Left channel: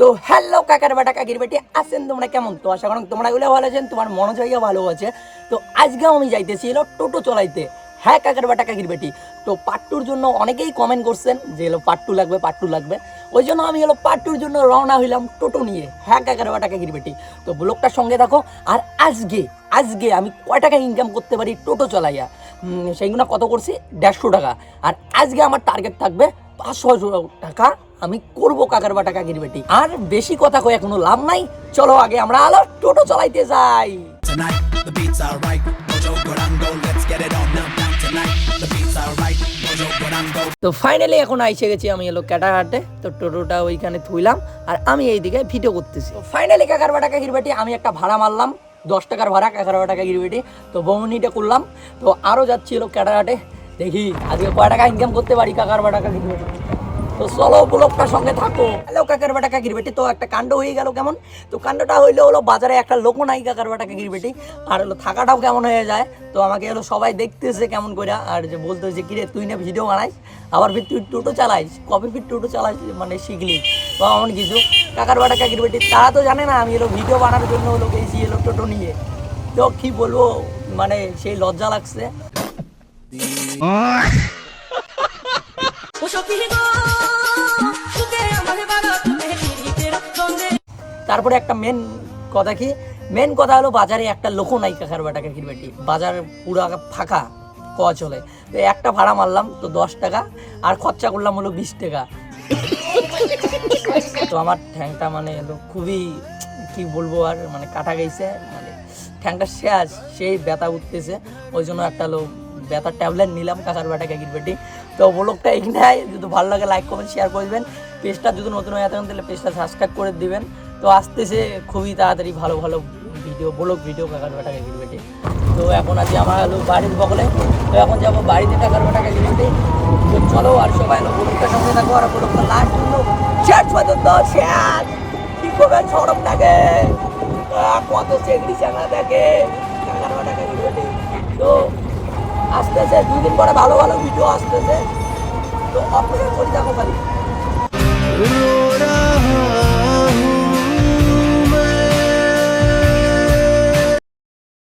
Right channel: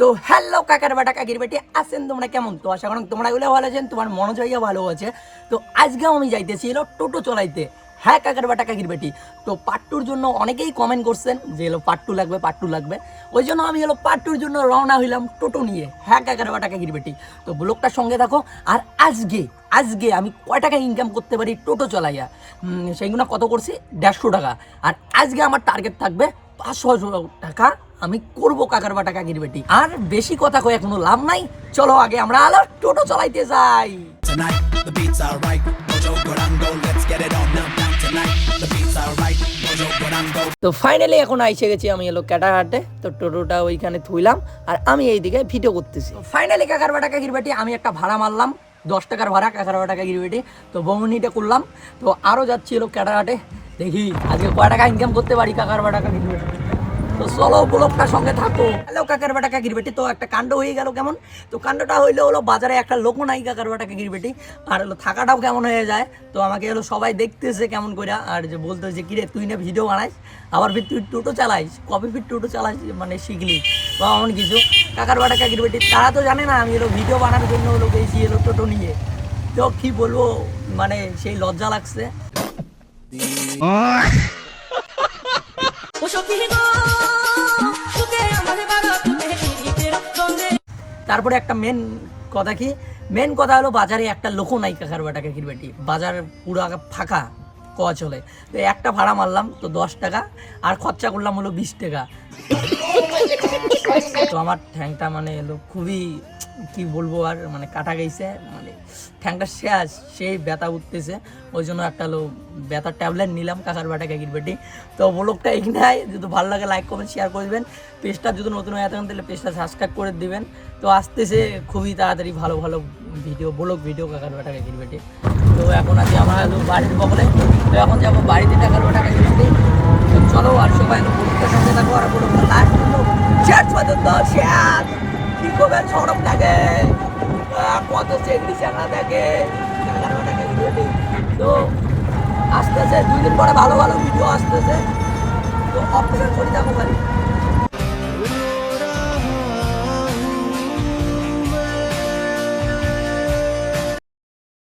তো হ্যালো কাকার বেটা কাকির বেটি আছেন তোমরা কেমন? তো আশা করি তোমরা এগুলো ভালো আছেন, তোমার মনোজয়ও ভালো আছে। তো আজকে আমি যাইতেছি টোটো চলাইতে। হ্যাঁ কাকার বেটা কাকির বেটি, তো পার্ট টুর জন্য অনেকেই কমেন্ট করছেন যে পার্ট টু লাগবে, পার্ট টু লাগবে। ওই জন্য আমি পার্ট টুর জন্য রওনা হইলাম টোটো নিয়ে। হ্যাঁ কাকার বেটা কাকির বেটি, তো ব্লগটার সঙ্গে থাকো। আর আজকে আজকে আমি কয় টাকা ইনকাম করতে পারি টোটো চালাইয়া, সেইগুলো কত করছি 150 টাকা। আর আজকে আমার টার্গেট থাকবে 500 টাকা আমি করবো কাকার বাটা কাকির বেটি। আর বেশি কথা কয়ে কোনো লাভ নাই, চলো আগে আমরা টোটো চালাইতে যাই। Tonight the beats are right, Mojo Gurango, let's get it on now. Tonight the beats are right, Mojo Gurango. তো ফাইনালি এখন আইসে গেছি আমি ক্যাটারহাটে। তো টোটোটা ওইখানে থুইলাম আর আমি এইদিকে ভিডিও করতেছি। ফাইনালি কাকার বাটা কাকির বেটি আমি একটা ভাড়া মারলাম, 10 টাকার ভাড়া কাকার বাটা কাকির বেটি। তো বৌনিটা করলাম, তো আরো যাচ্ছি ক্যাটারহাটে। দেখি আজকে কয় টাকা ইনকাম করতে পারি কাকার বাটা কাকির বেটি। তো চলো ব্লগটার সঙ্গে থাকো। হ্যালো কাকার বেটা কাকির বেটি, তো একটা কাণ্ড হয়ে গেল কেমন। তো কাণ্ডটা হলো বাজারে একটা লোক নাই কাকার বেটা কাকির বেটি, আর থাকাটাও কেমন হয়ে যায়। তো আমাকে সবাই দেখতেছে কেমন করে, আর যে বলতেছে কিরে তুই না ভিডিও বানাইস, আবার তুই টোটো চালাইস, কবে ফির টোটো চালাইস মানে শিখলি বা এমন কিছু। কাকার বেটা কাকির বেটি তারা তো জানে না আমি ভিডিও বানানোর জন্য গেছি টোটো নিয়ে। তো কি বলবো, মানে সেই লজ্জা লাগছে। তারপরে একটা মেন কথা হলো বাজারে একটা লোক নাই কাকার বাটা কাকির বেটি, বাজার পুরো ফাঁকা কওয়া চলে। তো একটা ভাড়া মারলাম তো 10 টাকা, আর খরচা করলাম 20 টাকা। তো আমার ঠ্যাংটা মানে খুবই কি বলবো, আর মানে কাটা গেছে, মানে ঠ্যাংটা শেষ, সেই ব্যথা উঠতেছে। ওই জন্য একটা ব্যথার ট্যাবলেট নিলাম কাকার বাটা কাকির বেটি। তো ব্লগটা এখানে, যদি ভালো লাগে লাইক কমেন্ট শেয়ার করবেন। পেজটা যদি নতুন হয়ে থাকেন তাহলে পেজটা সাবস্ক্রাইব করে দিবেন। তো আসতেছে খুবই তাড়াতাড়ি ভালো ভালো ভিডিও কাকার বাটা কাকির বেটি। তো এখন আছি আমার বাড়ির বগলে। তো এখন যাবো বাড়িতে কাকার বাটা কাকির বেটি। তো চলো আর সবাই ব্লগটার সঙ্গে থাকো, আর ব্লগটা লাস্ট শেষ পর্যন্ত শেয়ার কি করবেন সরম থাকে কত চেঞ্জি চাকা থাকে কাকার বাটা কাকির বেটি। তো আসতেছে 2 দিন পরে ভালো ভালো ভিডিও আসতেছে, তো অপেক্ষা করি থাকো খালি।